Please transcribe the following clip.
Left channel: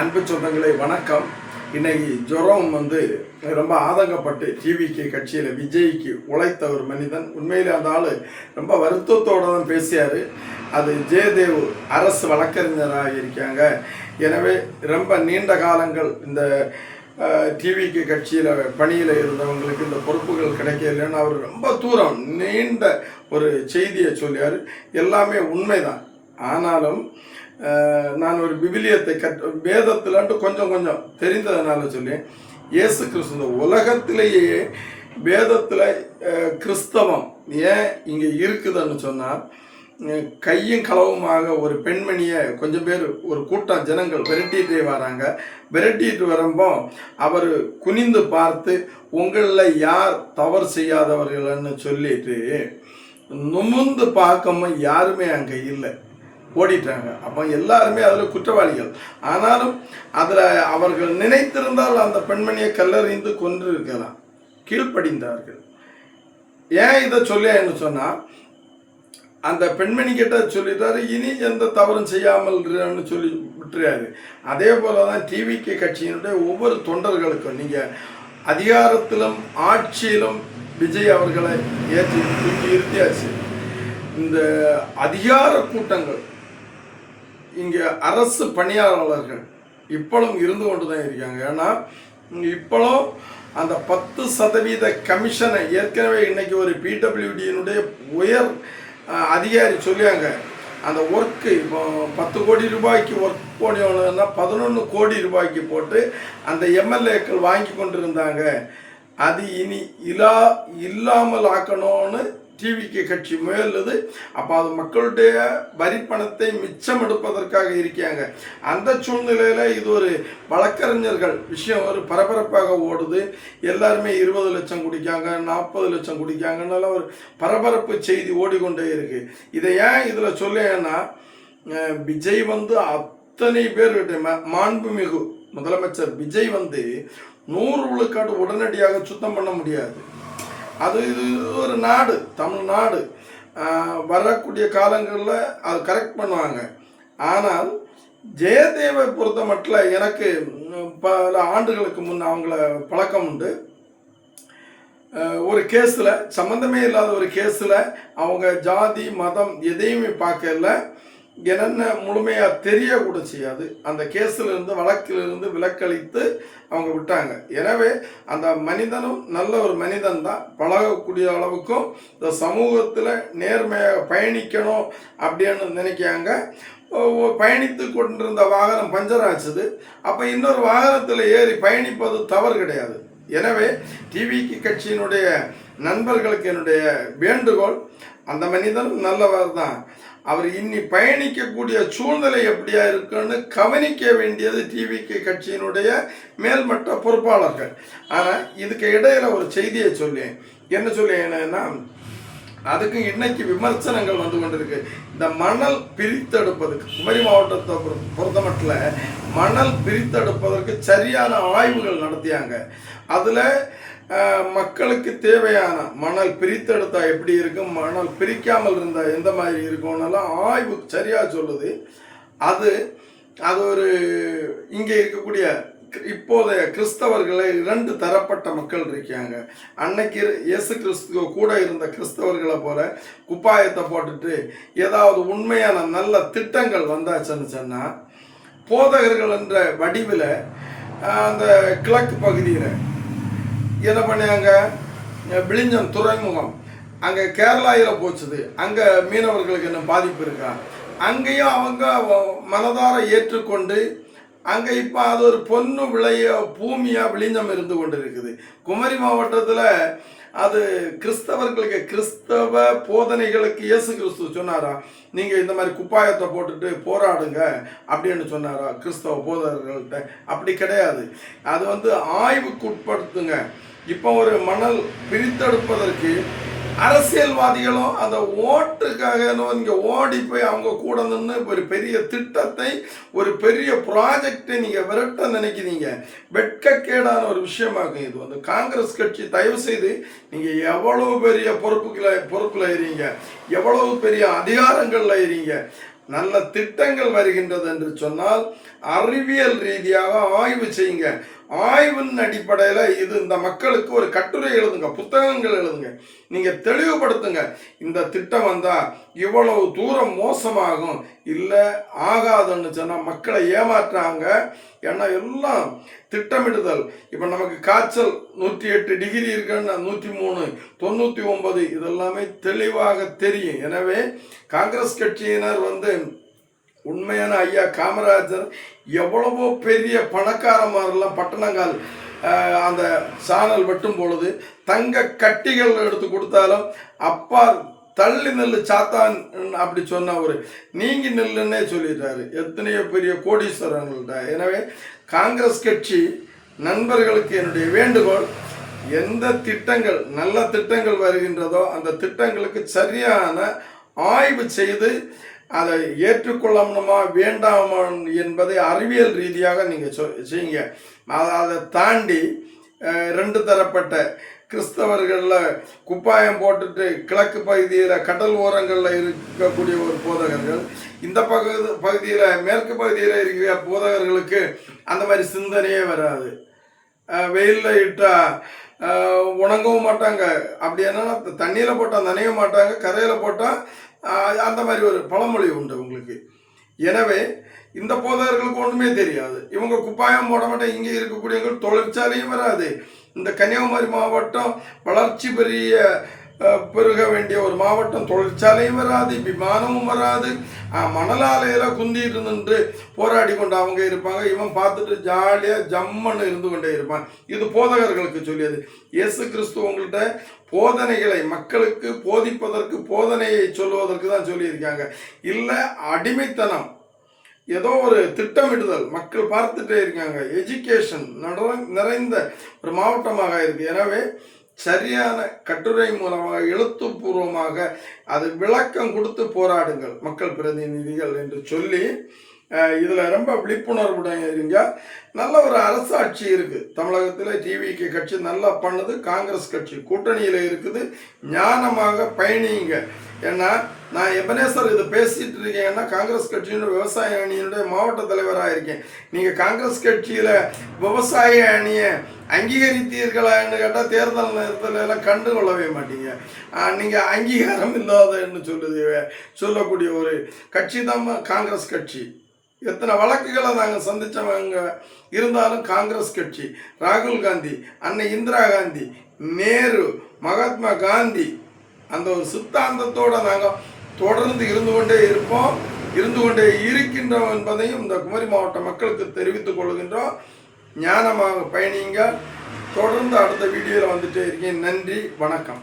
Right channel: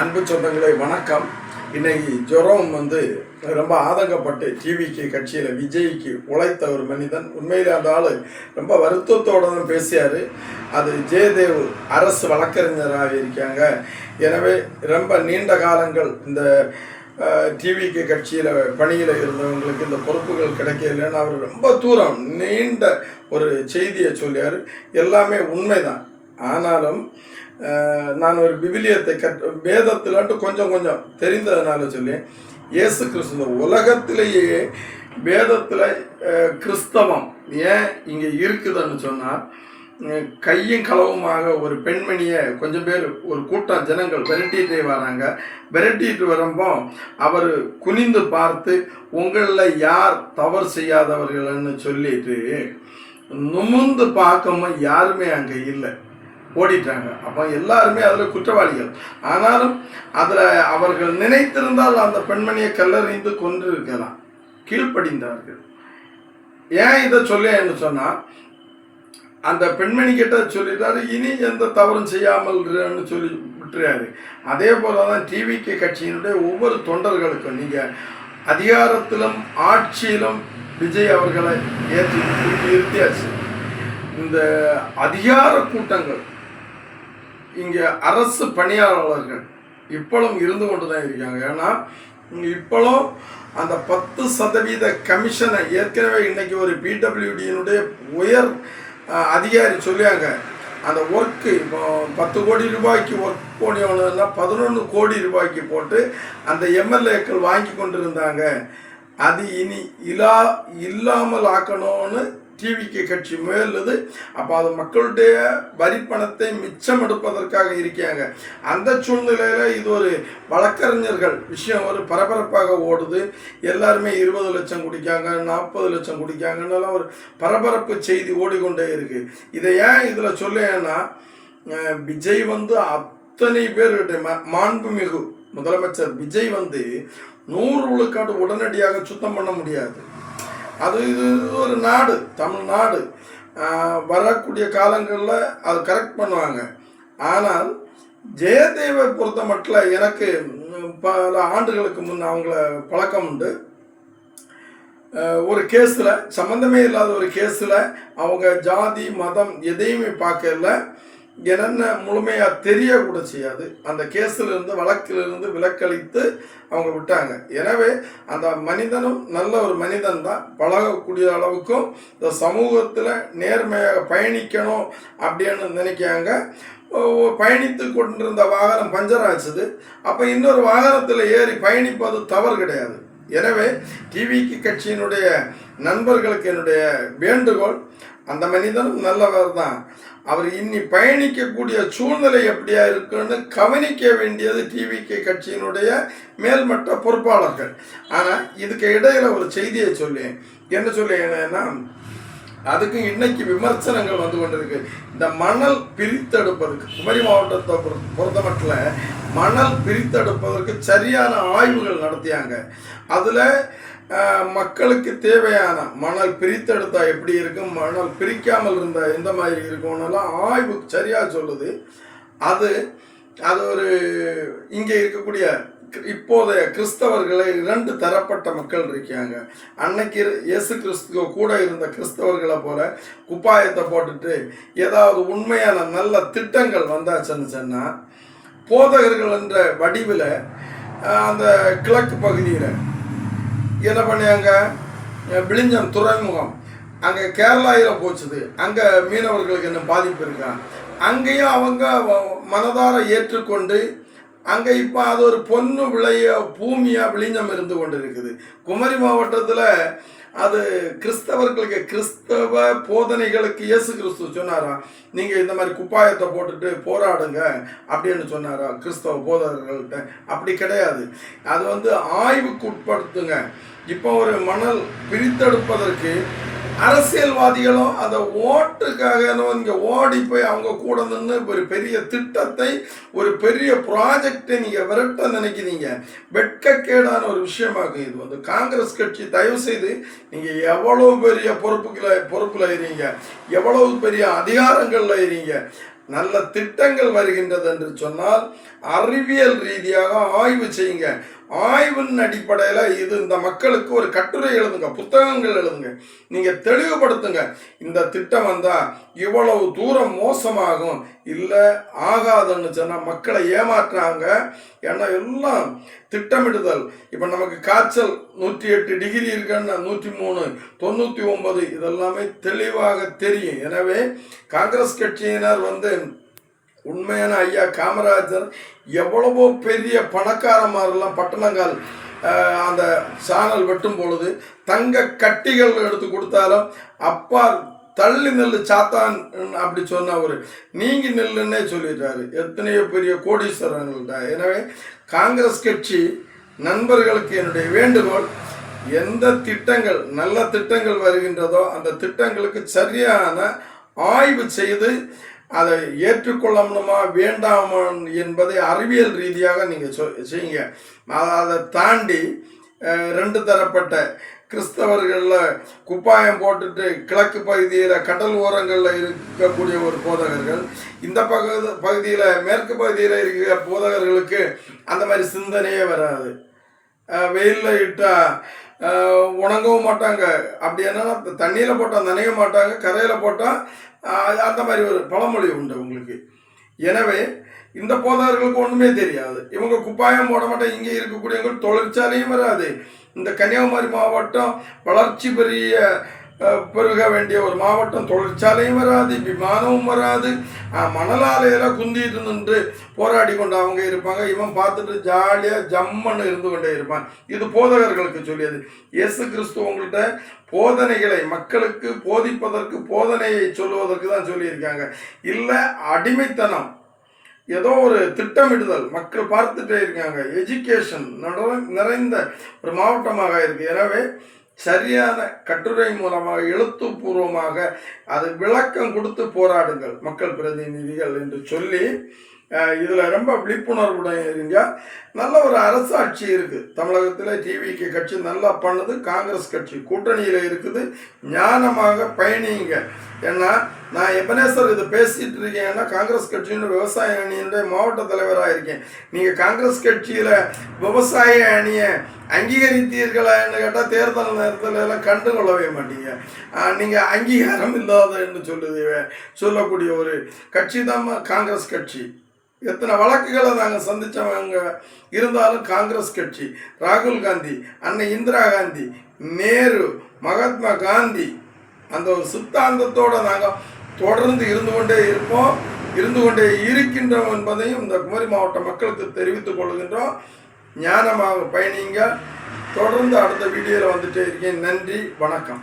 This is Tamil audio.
அன்பு சொந்தங்களே வணக்கம். இன்னைக்கு ஜுரம் ரொம்ப ஆதங்கப்பட்டு டிவிக்கு கட்சியில் விஜய்க்கு உழைத்த ஒரு மனிதன். உண்மையிலே அந்த ஆள் ரொம்ப வருத்தத்தோடு தான் பேசியார். அது ஜெயதேவ் அரசு வழக்கறிஞராக இருக்காங்க. எனவே ரொம்ப நீண்ட காலங்கள் இந்த டிவிக்கு கட்சியில் பணியில் இருந்தவங்களுக்கு இந்த பொறுப்புகள் கிடைக்கலன்னு அவர் ரொம்ப தூரம் நீண்ட ஒரு செய்தியை சொல்லியார். எல்லாமே உண்மைதான். ஆனாலும் நான் ஒரு விவிலியத்தை வேதத்திலாட்டு கொஞ்சம் கொஞ்சம் தெரிந்ததுனால சொல்லி, இயேசு கிறிஸ்து உலகத்திலேயே வேதத்தில் கிறிஸ்தவம் ஏன் இங்கே இருக்குதுன்னு சொன்னால், கையும் களவுமாக ஒரு பெண்மணியை கொஞ்சம் பேர் ஒரு கூட்டம் ஜனங்கள் விரட்டிகிட்டே வராங்க. விரட்டிட்டு வரும்போ அவர் குனிந்து பார்த்து, உங்களில் யார் தவறு செய்யாதவர்கள்னு சொல்லிட்டு நுமுந்து பார்க்காம யாருமே அங்கே இல்லை, ஓடிட்டாங்க. அப்போ எல்லாருமே அதில் குற்றவாளிகள். ஆனாலும் அதில் அவர்கள் நினைத்திருந்தால் அந்த பெண்மணியை கல்லறிந்து கொன்று இருக்கலாம். கீழ்ப்படிந்தார்கள். ஏன் இதை சொல்லேன்னு சொன்னால், அந்த பெண்மணி கிட்ட சொல்லிட்டாரு, இனி எந்த தவறும் செய்யாமல் சொல்லி விட்டுறாரு. அதே போல தான் டிவிக்கு கட்சியினுடைய ஒவ்வொரு தொண்டர்களுக்கும் நீங்கள் அதிகாரத்திலும் ஆட்சியிலும் விஜய் அவர்களை ஏற்றி இருத்தியாச்சு. இந்த அதிகார கூட்டங்கள் இங்கே அரசு பணியாளர்கள் இப்பளும் இருந்து கொண்டு தான் இருக்காங்க. ஏன்னா இப்பளும் அந்த 10% கமிஷனை ஏற்கனவே இன்னைக்கு ஒரு பிடபிள்யூடியினுடைய உயர் அதிகாரி சொல்லியாங்க. அந்த ஒர்க்கு இப்போ 10 கோடி ரூபாய்க்கு ஒர்க் போனோன்னா 11 கோடி ரூபாய்க்கு போட்டு அந்த எம்எல்ஏக்கள் வாங்கி கொண்டு இருந்தாங்க. அது இனி இல்லாமல் ஆக்கணும்னு டிவிக்கு கட்சி முயலுது. அப்போ அது மக்களுடைய வரி பணத்தை மிச்சம் எடுப்பதற்காக இருக்காங்க. அந்த சூழ்நிலையில் இது ஒரு வழக்கறிஞர்கள் விஷயம் ஒரு பரபரப்பாக ஓடுது. எல்லாருமே 20 லட்சம் குடிக்காங்க, 40 லட்சம் குடிக்காங்கன்னெல்லாம் ஒரு பரபரப்பு செய்தி ஓடிக்கொண்டே இருக்கு. இதை ஏன் இதில் சொல்லேன்னா, விஜய் அத்தனை பேருடைய மாண்புமிகு முதலமைச்சர் விஜய் 100 விழுக்காடு உடனடியாக சுத்தம் பண்ண முடியாது. அது இது ஒரு நாடு, தமிழ்நாடு. வரக்கூடிய காலங்களில் அது கரெக்ட் பண்ணுவாங்க. ஆனால் ஜெயதேவை பொறுத்த மட்டும் எனக்கு பல ஆண்டுகளுக்கு முன் அவங்கள பழக்கம் உண்டு. ஒரு கேஸில், சம்மந்தமே இல்லாத ஒரு கேஸில் அவங்க ஜாதி மதம் எதையுமே பார்க்கல. என்னென்ன முழுமையாக தெரியக்கூட செய்யாது. அந்த கேஸில் இருந்து வழக்கிலிருந்து விலக்களித்து அவங்க விட்டாங்க. எனவே அந்த மனிதனும் நல்ல ஒரு மனிதன் தான். பழகக்கூடிய அளவுக்கும் இந்த சமூகத்தில் நேர்மையாக பயணிக்கணும் அப்படின்னு நினைக்காங்க. பயணித்து கொண்டிருந்த வாகனம் பஞ்சர் ஆச்சுது. அப்போ இன்னொரு வாகனத்தில் ஏறி பயணிப்பது தவறு கிடையாது. எனவே டிவிக்கு கட்சியினுடைய நண்பர்களுக்கு என்னுடைய வேண்டுகோள், அந்த மனிதன் நல்லவர் தான். அவர் இன்னி பயணிக்கக்கூடிய சூழ்நிலை எப்படியா இருக்குன்னு கவனிக்க வேண்டியது டிவிக்கு கட்சியினுடைய மேல்மட்ட பொறுப்பாளர்கள். ஆனால் இதுக்கு இடையில ஒரு செய்தியை சொல்லேன். என்ன சொல்லேன்னா, அதுக்கு இன்னைக்கு விமர்சனங்கள் வந்து கொண்டிருக்கு. இந்த மணல் பிரித்தெடுப்பதற்கு குமரி மாவட்டத்தை பொறுத்த மட்டும் மணல் பிரித்தெடுப்பதற்கு சரியான ஆய்வுகள் நடத்தியாங்க. அதில் மக்களுக்கு தேவையான மணல் பிரித்தெடுத்தா எப்படி இருக்கும், மணல் பிரிக்காமல் இருந்தால் எந்த மாதிரி இருக்கும்னெல்லாம் ஆய்வு சரியாக சொல்லுது. அது ஒரு இங்கே இருக்கக்கூடிய இப்போதைய கிறிஸ்தவர்களை 2 தரப்பட்ட மக்கள் இருக்காங்க. அன்னைக்கு இயேசு கிறிஸ்துவ கூட இருந்த கிறிஸ்தவர்களை போல குப்பாயத்தை போட்டுட்டு ஏதாவது உண்மையான நல்ல திட்டங்கள் வந்தாச்சுன்னு சொன்னால், போதகர்கள் என்ற வடிவில் அந்த கிழக்கு பகுதியில் என்ன பண்ணியாங்க, விழிஞ்சம் துறைமுகம் அங்கே கேரளாவில் போச்சுது. அங்கே மீனவர்களுக்கு என்ன பாதிப்பு இருக்காங்க. அங்கேயும் அவங்க மனதார ஏற்றுக்கொண்டு அங்கே இப்போ அது ஒரு பொண்ணு விளைய பூமியாக விழிஞ்சம் இருந்து கொண்டு இருக்குது. குமரி மாவட்டத்தில் அது கிறிஸ்தவர்களுக்கு, கிறிஸ்தவ போதனைகளுக்கு இயேசு கிறிஸ்து சொன்னாரா, நீங்கள் இந்த மாதிரி குப்பாயத்தை போட்டுட்டு போராடுங்க அப்படின்னு சொன்னாரா கிறிஸ்தவ போதகர்கள்ட்ட? அப்படி கிடையாது. அது ஆய்வுக்கு உட்படுத்துங்க. இப்போ ஒரு மணல் பிரித்தெடுப்பதற்கு அரசியல்வாதிகளும் அந்த ஓட்டுக்காக இங்கே ஓடி போய் அவங்க கூட நின்று ஒரு பெரிய திட்டத்தை, ஒரு பெரிய ப்ராஜெக்டை நீங்கள் விரட்ட நினைக்கிறீங்க. வெட்கக்கேடான ஒரு விஷயமாகும் இது. காங்கிரஸ் கட்சி தயவு செய்து, நீங்கள் எவ்வளவு பெரிய பொறுப்பில் இருங்க, எவ்வளவு பெரிய அதிகாரங்களில் இருங்க, நல்ல திட்டங்கள் வருகின்றது என்று சொன்னால் அறிவியல் ரீதியாக ஆய்வு செய்யுங்க. ஆய்வின் அடிப்படையில் இது இந்த மக்களுக்கு ஒரு கட்டுரை எழுதுங்க, புத்தகங்கள் எழுதுங்க, நீங்கள் தெளிவுபடுத்துங்க. இந்த திட்டம் வந்தால் இவ்வளவு தூரம் மோசமாகும், இல்லை ஆகாதுன்னு சொன்னால் மக்களை ஏமாற்றாங்க. ஏன்னா எல்லாம் திட்டமிடுதல். இப்போ நமக்கு காய்ச்சல் 108 டிகிரி இருக்குன்னா 103, 99 இதெல்லாமே தெளிவாக தெரியும். எனவே காங்கிரஸ் கட்சியினர் உண்மையான ஐயா காமராஜர் எவ்வளவோ பெரிய பணக்காரமாரெல்லாம் பட்டணங்கள் அந்த சாணல் வெட்டும் பொழுது தங்க கட்டிகள் எடுத்து கொடுத்தாலும் அப்பா தள்ளி நெல்லு சாத்தான் அப்படி சொன்ன ஒரு நீங்கி நெல்லுன்னே சொல்லிடுறாரு எத்தனையோ பெரிய கோடீஸ்வரர்கள்ட்ட. எனவே காங்கிரஸ் கட்சி நண்பர்களுக்கு என்னுடைய வேண்டுகோள், எந்த திட்டங்கள் நல்ல திட்டங்கள் வருகின்றதோ அந்த திட்டங்களுக்கு சரியான ஆய்வு செய்து அதை ஏற்றுக்கொள்ளணுமா வேண்டாமா என்பதை அறிவியல் ரீதியாக நீங்கள் செய்யுங்க. அதை தாண்டி 2 தரப்பட்ட கிறிஸ்தவர்களில் குப்பாயம் போட்டுட்டு கிழக்கு பகுதியில் கடல் ஓரங்களில் இருக்கக்கூடிய ஒரு போதகர்கள், இந்த பகுதியில் மேற்கு பகுதியில் இருக்கிற போதகர்களுக்கு அந்த மாதிரி சிந்தனையே வராது. வெயிலில் இட்டால் உணங்கவும் மாட்டாங்க, அப்படி என்னன்னா தண்ணியில் போட்டால் நனைய மாட்டாங்க, கரையில் போட்டால் அந்த மாதிரி ஒரு பழமொழி உண்டு உங்களுக்கு. எனவே இந்த போதகர்களுக்கு ஒன்றுமே தெரியாது. இவங்க குப்பாயம் போட மாட்டாங்க. இங்கே இருக்கக்கூடியவங்க தொழிற்சாலையும் வராது. இந்த கன்னியாகுமரி மாவட்டம் வளர்ச்சி பெருக வேண்டிய ஒரு மாவட்டம், தொழிற்சாலையும் வராது, விமானமும் வராது. மணலாலையில் குந்திட்டு நின்று போராடி கொண்டு அவங்க இருப்பாங்க. இவன் பார்த்துட்டு ஜாலியாக ஜம்மன்னு இருந்து கொண்டே இருப்பான். இது போதகர்களுக்கு சொல்லியது. இயேசு கிறிஸ்து உங்கள்கிட்ட போதனைகளை மக்களுக்கு போதிப்பதற்கு, போதனையை சொல்லுவதற்கு தான் சொல்லியிருக்காங்க. இல்லை அடிமைத்தனம், ஏதோ ஒரு திட்டமிடுதல் மக்கள் பார்த்துட்டே இருக்காங்க. எஜுகேஷன் நிறைந்த ஒரு மாவட்டமாக இருக்குது. எனவே சரியான கட்டுரை மூலமாக எழுத்துப்பூர்வமாக அது விளக்கம் கொடுத்து போராடுங்கள் மக்கள் பிரதிநிதிகள் என்று சொல்லி இதில் ரொம்ப விழிப்புணர்வுடன் இருங்க. நல்ல ஒரு அரசாட்சி இருக்குது தமிழகத்தில். டிவிக்கு கட்சி நல்லா பண்ணுது, காங்கிரஸ் கட்சி கூட்டணியில் இருக்குது. ஞானமாக பயணிங்க. ஏன்னா நான் எபனேசர் இதை பேசிகிட்டு இருக்கேன்னா காங்கிரஸ் கட்சியினுடைய விவசாய அணியினுடைய மாவட்ட தலைவராக இருக்கேன். நீங்கள் காங்கிரஸ் கட்சியில் விவசாய அணியை அங்கீகரித்தீர்களான்னு கேட்டால் தேர்தல் நேரத்தில் எல்லாம் கண்டு கொள்ளவே மாட்டீங்க. நீங்கள் அங்கீகாரம் இல்லாதன்னு சொல்லக்கூடிய ஒரு கட்சி தான் காங்கிரஸ் கட்சி. எத்தனை வழக்குகளை நாங்கள் சந்தித்தவங்க இருந்தாலும் காங்கிரஸ் கட்சி, ராகுல் காந்தி, அன்னை இந்திரா காந்தி, நேரு, மகாத்மா காந்தி, அந்த ஒரு சித்தாந்தத்தோடு நாங்கள் தொடர்ந்து இருந்து கொண்டே இருக்கின்றோம் என்பதையும் இந்த குமரி மாவட்ட மக்களுக்கு தெரிவித்துக் கொள்கின்றோம். ஞானமாக பயணிங்க. தொடர்ந்து அடுத்த வீடியோவில் வந்துட்டே இருக்கேன். நன்றி, வணக்கம்.